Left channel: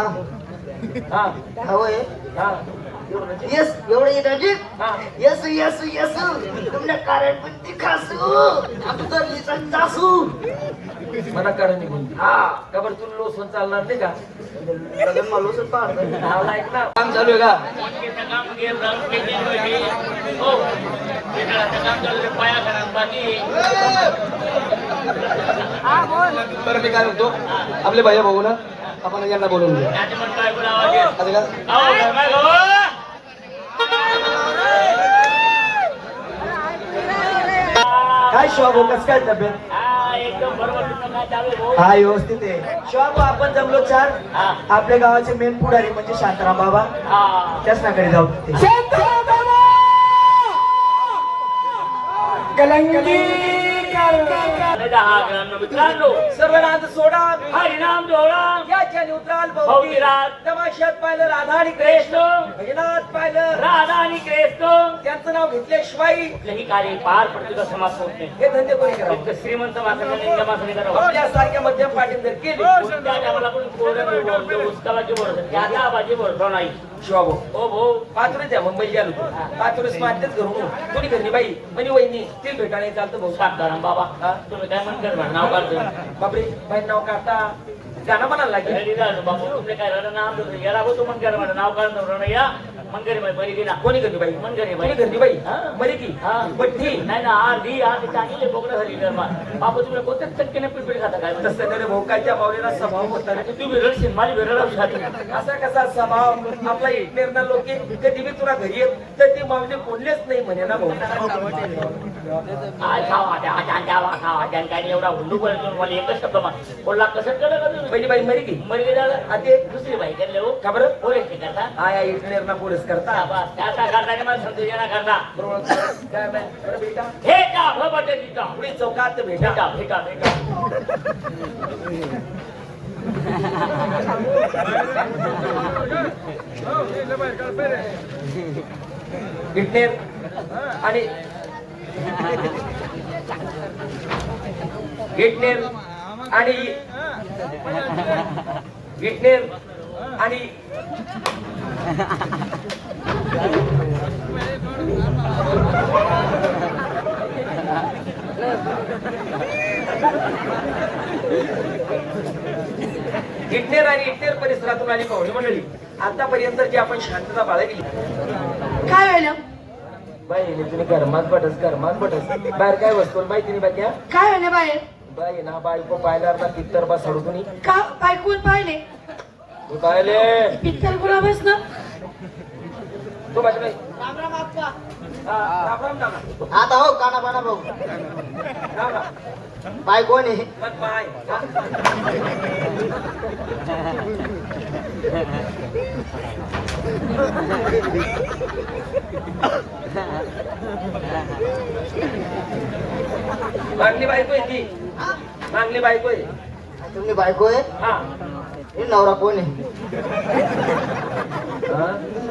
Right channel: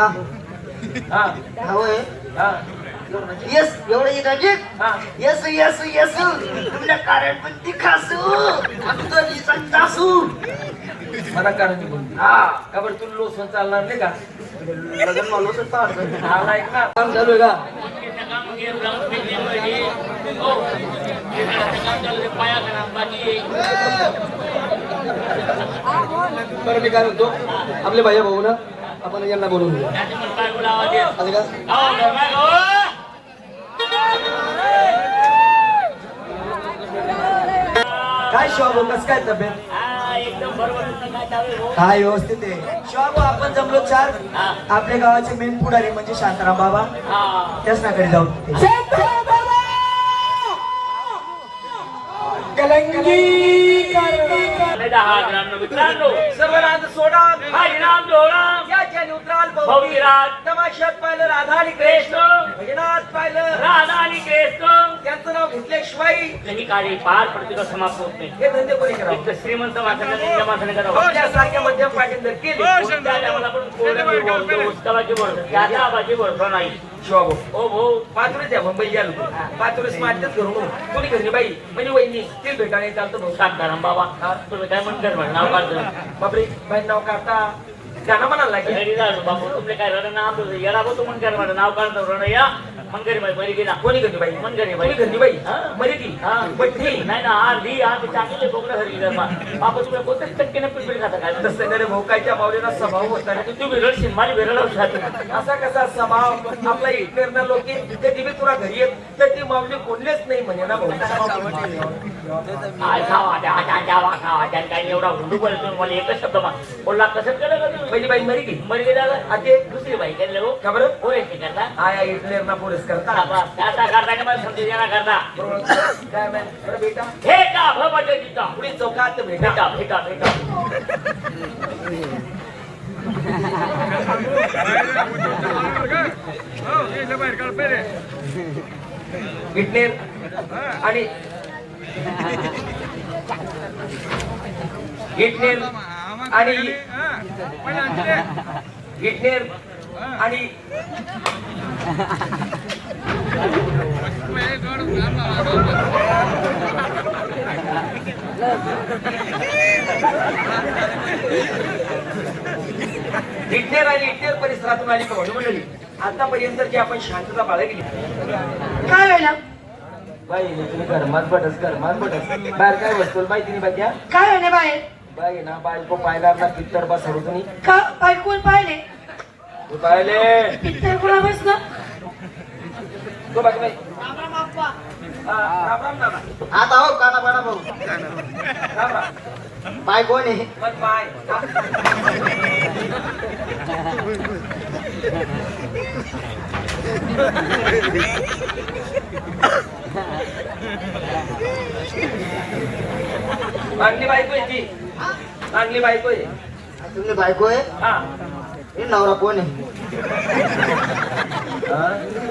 हा हा होय हा यस एवढं एक आहे हा यस यस यस तुमच्या कारण पण ती खासू आमचं लिसन तासू मला काढून निघून दे. हा का बरं तुला लोसून चालणार नाही का? लग्न मालूच होतं मला ऐक ना काम चालू आहे का? बरं मी काय म्हणतो आपले भाई भाऊ ना आपण यांना बोलवून घेऊ असं का काय शिवा भाऊ कसं काय तब्येत हा व्यवस्थित आहे शिवा भाऊ आपण जमलो चार आपल्या गावाचे मेन पुढारी म्हणजे शांताराम बाबा त्याच नाकडे जाऊ सर्वनाथ सोडा हरिनाम डोळा याच्याने उतराल भौतिराज तमाशात पाहिलं राधा आणि कृष्ण भजनात पाहिलं राधा आणि कृष्ण त्यांचं नाव घेतल्याशिवाय त्यांनी कार्य पार पडतो समाप्त होत नाही. हे धंदे कोणी करावं श्रीमंत माणसाने मोठ्या माणसाने करावं. आपल्यासारख्या मध्यम पाटील जर केले त्या टायमाला पण कोरडे बोलतो, उस्तावाचे बोलतो, त्या बाजी बोलतो नाही. शिवाभाऊ ओ भाऊ पाचुरेच आहे मुंबई गेलो पाचुरेच मारतेच घरून कोणी घरी बाई म्हणजे वहिनी स्टील भेटायला चालतं भाऊ साताराम बाबा तुम्ही काय म्हणतात म्हणा नाव काढतो बापरे बाई नाव काढता गाणं म्हणायला लागेल बाबू तुमले काय झालं नाव याला तू म्हणकर म्हणा नाव काढतो या मंगरी बाई बरी गेला कोणी घरी बाई मंगरी कोणी बाई घरी बाई मरी ती हा बट्टी नाही ना आधी चांगले बोकडं हरली बापू तुम्ही कोणत्याच टक्केने पिपडी खाता काय तसं नाही भोकायच्या मावलेला स्वभाव होता रे. तुम्ही रडशील माझी बेरडाव खाते असा कसा स्वभाव आपला हिटलरना लोक कधी बी तुला घरी येत तर ती मावली बोललेच नाही म्हणे ना भाऊ काय खावा द्यावा खावा त्या काय एवढा हुंडू बोलतो मला एकच शब्द बोलला कसं केलं का तुम्ही पहिली बाई मरी की मरी गेला ते दुसरी बाई केलं हो का बरं होय ते करता आया हिटलरना पोलीस करता त्याचा करता मला समजू देणार करता काय मॅन अरे बेटा हे का भबटे तिथं पुढे चौकात भेटा भेटा भेटा भेटा विटनेर आणि विटनेर आणि विटनेर आणि विटनेर आणि इटनेर परिसरातून आली पाहुणे मंडळी आतापर्यंत जी आपण शांतता बाळगली काय व्हायला बाई तुम्ही घरमात बटस बाहेर काय वस्तू माहिती नाही बाई काय व्हायला बाहेर बाई ना बायको पाहिला ना पित्तर बा सोडू तुम्ही का बायकोल पाहिले तू पाहिले पिक्चर कुणा बस ना तो बाकी नाही राम बाप्पा राम राम नाना आता हो काना बाना भाऊ राम राम बाय कोण आहे मग बाय चांगली बायको आहे ती चांगली बायको आहे तुम्ही बायको आहे हा हे नवरा कोण आहे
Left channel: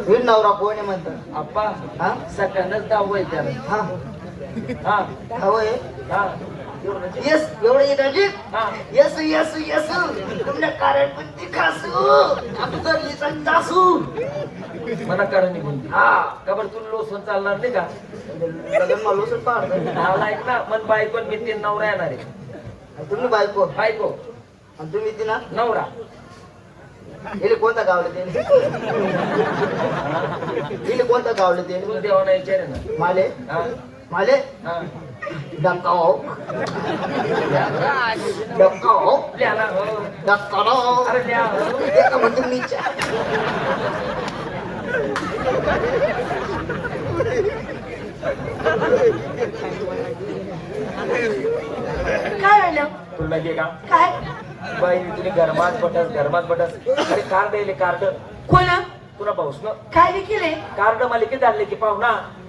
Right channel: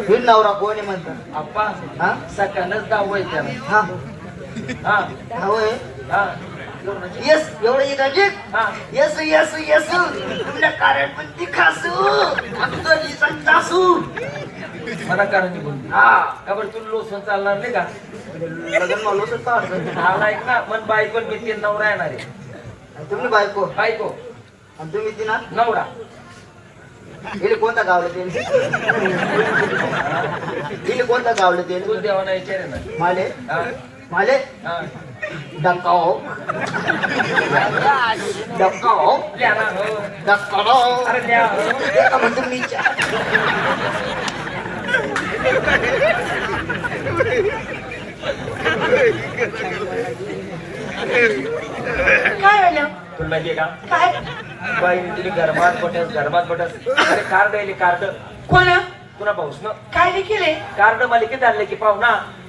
हे नवरा कोण आहे म्हणतात आप्पा हा सकाळच गाव आहे त्याला हा हा होय हा यस एवढं एक आहे हा यस यस यस तुमच्या कारण पण ती खासू आमचं लिसन तासू मला काढून निघून दे. हा का बरं तुला लोसून चालणार नाही का? लग्न मालूच होतं मला ऐक ना मन बायको मी तीन नवरा येणार आहे तुम्ही बायको बायको आणि तुम्ही ती ना नवरा गेले कोणता गावलं ते गेले कोणता गावलं ते तू देवाना विचार ना माले हा माले हा डकाओ डकाओ द्या ना हो. डकाओ अरे द्या हो. एका म्हणजे मीच्या काय आलं तुला माहितीये का काय बाई तुझी घरमात बटस अरे कार्ड आहे कार्ड कोण तुला पाऊस ना काय देखील कार्ड मालिकेत आणले की पाहू ना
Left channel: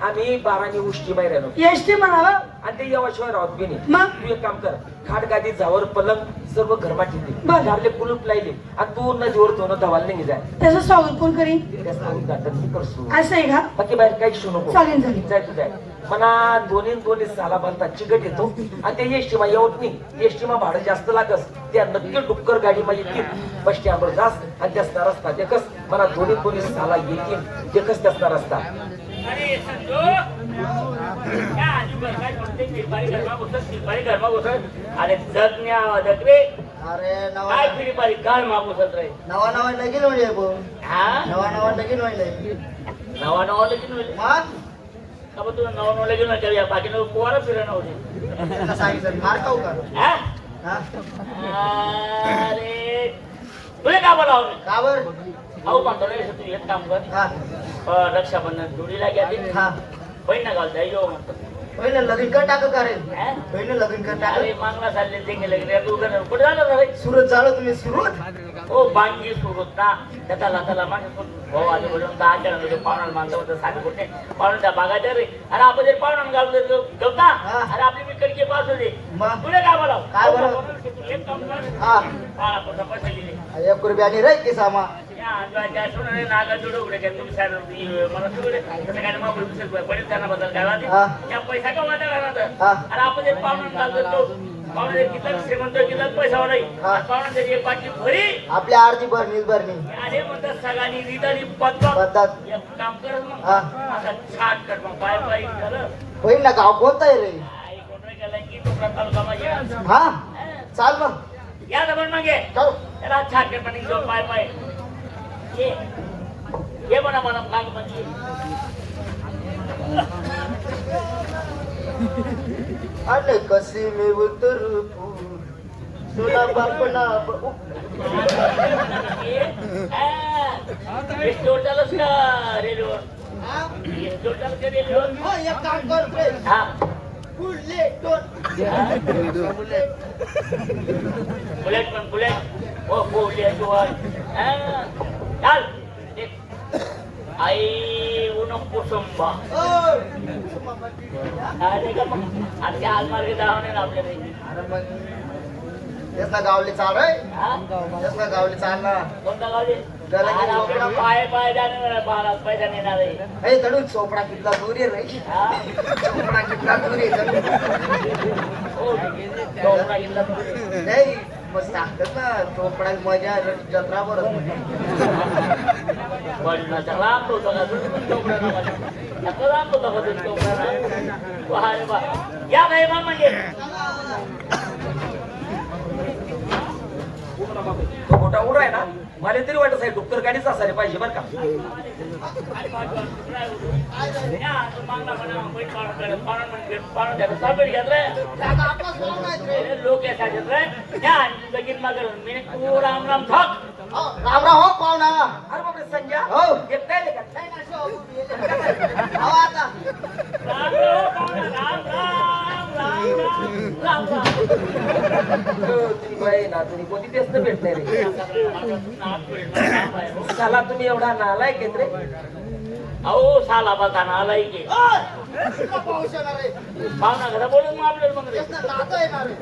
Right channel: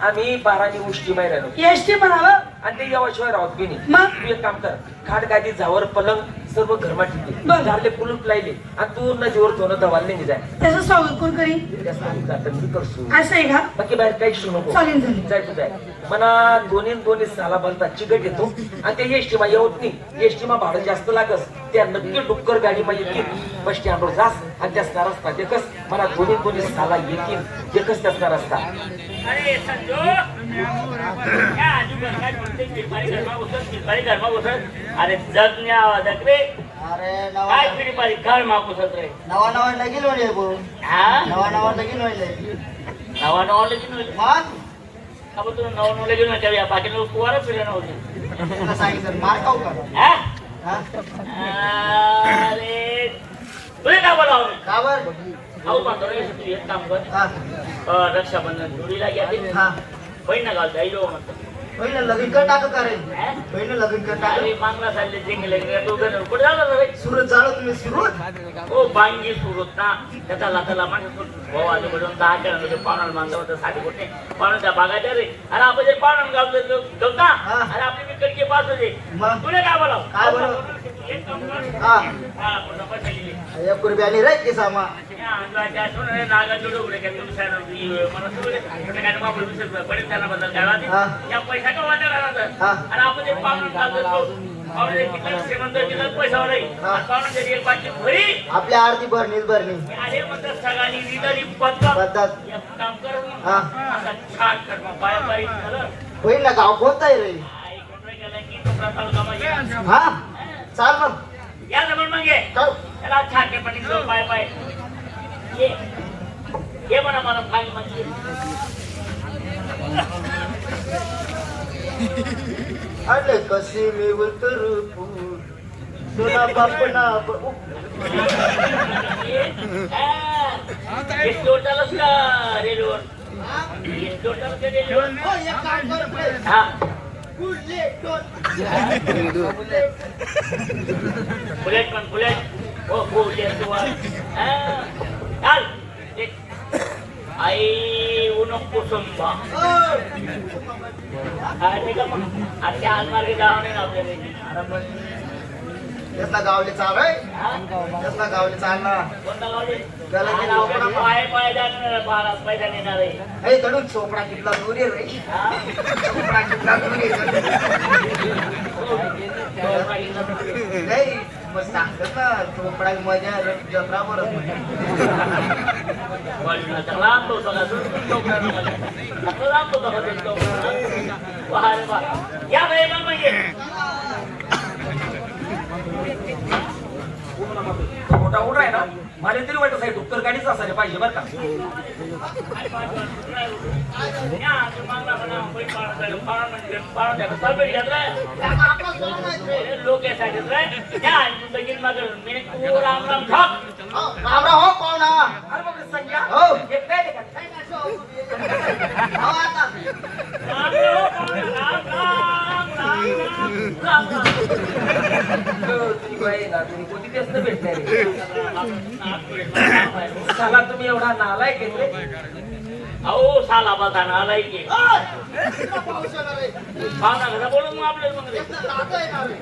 आम्ही 12 उष्टी बाहेर आलो एसटी म्हणाला आणि ते याशिवाय राहत बी नाही मग तू एक काम कर खाट गादी जावर पलंग सर्व घरमा ठेवते बरं. घरले कुलूप लायले आणि पूर्ण जोर तो दवाल नाही जाय त्याचं स्वागत कोण करीन? त्या स्थानिक जातं मी करतो असं आहे का? बाकी बाहेर काही शिकू नको चालेल चालेल. जाय तू जाय मना दोन्ही साला बनता चिकट येतो आणि त्या एसटीमा येत नाही एसटीमा भाडं जास्त लागस त्या नक्की डुक्कर गाडी मध्ये येतील बस स्टँडवर जास आणि त्या रस्ता देखस मला दोन्ही साला येतील देखस त्या रस्ता अरे संजो क्या आजूबाजू काय म्हणते फिरपारी घरमा घुसत अरे जगण्या आवाजात रे अरे काय फिरपारी घरमा घुसत रे नवा नवा लगीन होईल भाऊ हा नवा लगीन होईल नवा नवा लगीन होईल अब तुला नवा लगीन व्हायच्या या बाकी लोक पोरं फिरणं होते सांगितलं मार खाऊ का हा? हा? अरे तुला का बोलावं का बर अहो सांगतो रे तू एक काम कर हा रक्षाबंधन जोडीला घ्या हा बहीण घाल जाईल म्हणतो पहिले लगीन कर टाक करेल हा? पहिले लगीन कर अरे टाक मागला चालले ते गेले तू कुठे झालं रे सुरत झालो तुम्ही सुरत ओ बांगी सुरत ना त्याचा लाताला माणूस भाऊ आलो म्हणून 10 जणांमध्ये पाहुणा मागलं होतं साडी कुठे पाहुणे त्या बागाच्या रे अरे आपण जे पाहुणा गावलं गवता हा. अरे आपली मिकडची पास होते मग? तुला काय बोलाव काय बोलावं? एक काम कर हा मला पुढं पैसे दिले 1 रुपयानी रे की सामा या अंदाजा सुन नागाची डोबरे का तुम्ही साहेब मला तुले काय मग 20 रुपये पडेल त्यांना बदल हा. द्यावा या पैसा का वाटा घालायचा हा. आणि आपण जे पाहुणा गावतो पाहुणे किती श्रीमंत किती पैसा नाही हा. पाहुणे एक पाचशे भरी आपल्या आरती भरणी भरणी अरे म्हणतात सगळ्यांनी रिटारी पत्ता पद्धत एक काम करत मग हा. असा छान कर मग पाय पाय झालं होईल ना गाव कोणता आहे रे आई कोणता गेला की तो प्रकार कामा हा चाल मग या जमण मग ये जाऊ. त्याला छान कर पण एक पाय पाय ये म्हणा मला काय म्हणजे अरे कशी मी उतरू फूल सोना बापना स्टोर चालूस का रेडिओवर स्टोर चालू का रेडिओवर हो एक काम कर बे. हा बुलेट दोन. बुलेट पण बुलेट हो बुलेट चाल एक आई उन कुसुंबा ओ. अरे का मग आजच्या आलमारी जाऊन आपल्याकडे अरे मग यातला गावले चाल रे यातला गावले चाल ना कोणता गावले त्याला किती लोकडा पाय पाय जाणार बारा पैसा नेणार आहे हे कडून चोपडा कितला दूर आहे रे हा? चोपडा कितला दूर आहे हो, डोंगरा इथं कुठे? नाही मग सांगतात ना चोपडा मजा आहे, जत्रा बरं वडिलांचा लांब होता का? डोंगरा बघायला. कसं लांब होता का ते डोंगरा? वा रे वा. या मेहमान म्हणजे तो मोठा उडा आहे ना मला तरी वाटत आहे डुक्कर गाडीच असायला पाहिजे बरं का या, तो मागला म्हणा, बैठ पाडून म्हणजे पाडून द्या. सरबेट घ्या रे. लोक यासाठी रे. या, लगीन मागं मी ओ राम राम ठोक. राम राम हो पाहुणा अरे मग संख्या हो. एक काय नाही का? हो आता राम राम राम राम राम तुम्ही बाई ना तुम्ही कोणती तेच नाही भेटणार रे. चला तुम्ही एवढा नालायक आहेत रे अहो साला बघा ना आलाय की पाऊस येणार रे पाहुणा घरा बोलून मग आपल्याला मग रे. नातं येणार रे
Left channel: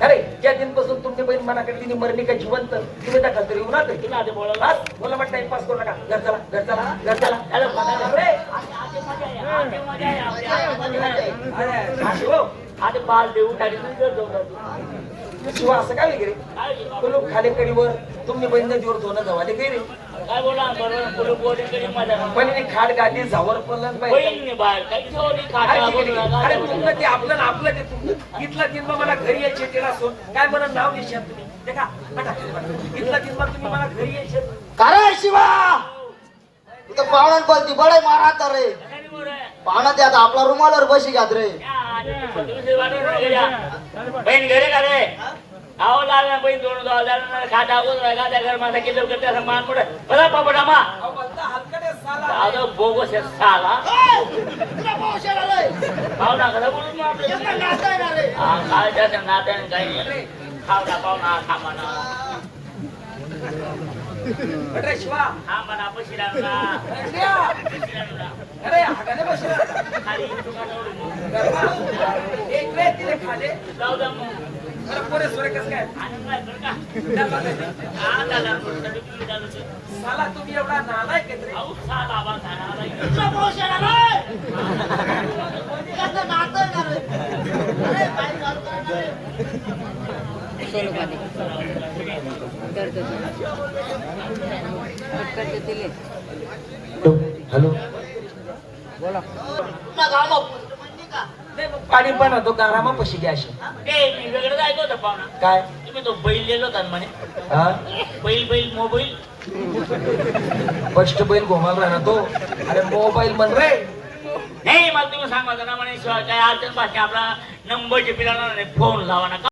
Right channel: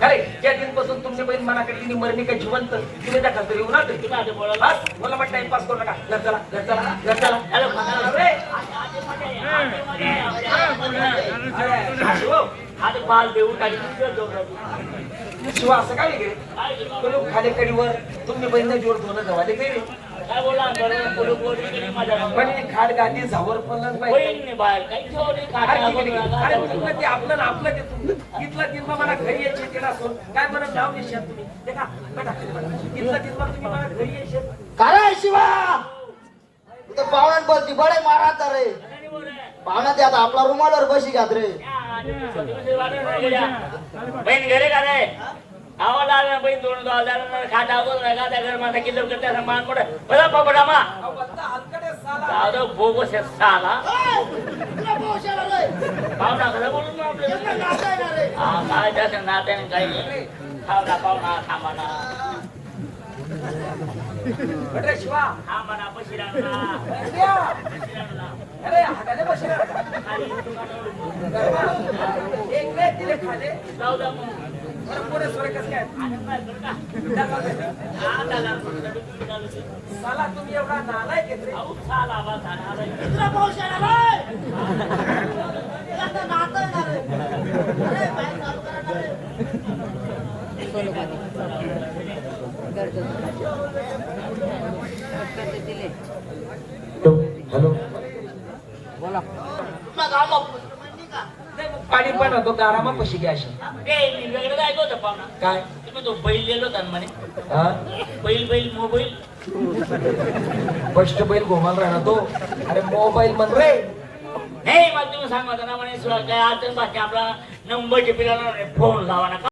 अरे ज्या दिनपासून तुमची बहीण मनाकडे तिने मरणी काय जिवंत तुम्ही त्या खातर येऊ ना ते तुला आता बोलायला बस, मला वाटतं टाइमपास करू नका घर चला घर चला घर चला अरे अरे, अरे, असं हो. आता बाल देऊन टाकी काय शिवा असं काय रे तुम्ही खाली कडीवर तुम्ही बहीण जोर धुणं धवाले काही रे बोला बरं पोलीस बोर्डी कडे माझ्या पण ती खाड गाडी झावर पडलं पाहिजे बहीण बाहेर काही सॉरी अरे मग तुला ते आपलं ना आपलं ते तुमचं इथला तिथला मला घरी यायचे ते नसून काय म्हणत नाव निशात तुम्ही ते का बटा इथला तिथला तुम्ही मला घरी यायचे काय शिवा इथं पाहुण्यात बोलती बडे मारा रे पाहुणा ते आता आपला रुमालावर बशी घ्यात रे बहीण घरी का रे आवाज आला बहीण दोन खाता खाता घर माझा किलो करता मान पडे बघा पापडा मा हलकडे साला दादा बोगस आहे साला पाहुणा घरा बोलून मग आपलं हा काय त्याचं नात्याने काही खावडा पाहुणा थांबाना अरे शिवा थांबाना पशी राहणार अरे हाताने बसले खाली दुकानावर एक रे तिने खाले जाऊ द्या मग बरं पोरे सोरे कसं काय आनंद आहे बरं का त्यांना ते- हा झाला तुम्ही झालं ते साला तुम्ही एवढा नालायक आहेत रे. अहो साला बा साला दुसरा पाऊस येणार आहे. कसं नातं येणार आहे? अरे बाई, हॅलो तुला गावाला पोचलं माहिती का? नाही मग पाणी पण होतो गारामा पशी घ्या अशी ए, मी वेगळं जायचं होतं पाहुणा. काय तुम्ही तो बैल लिहिलो होता ना म्हणे हा बैल मोबाईल कष्ट बैल घुमाला राहिला तो अरे मोबाईल म्हण रे नाही मला तुम्ही सांगा ना म्हणे काय अडचण बाकी आपला नंबरचे पिला फोन लावा ना